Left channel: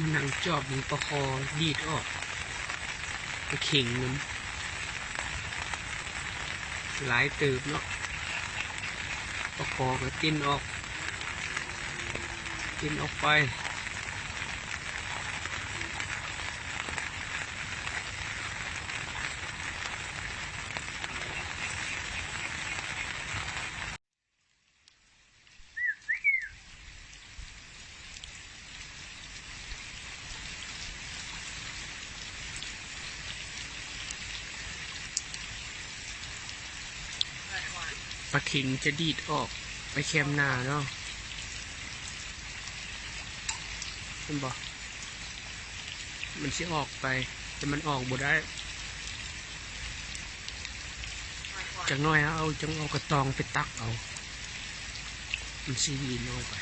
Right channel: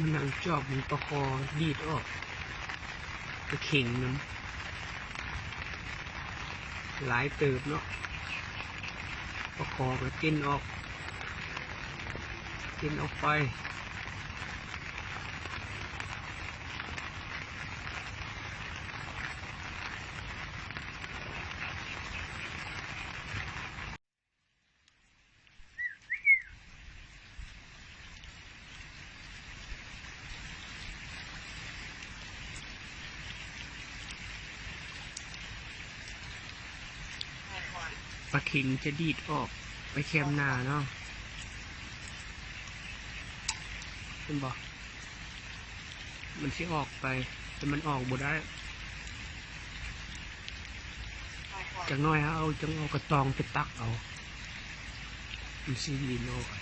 มันนั่งจอบมันประคอดีดออกกระเข่งน้ำหลายเติบเนาะประคอก็ติ้นออกไปปลาเข่งจะดีดออกไปแคมหน้าเนาะเห็นบอกมันสิออกไปแต่มันออกบ่ได้จังน้อยเอากระตองไปตักเอามันสิดีนออกไป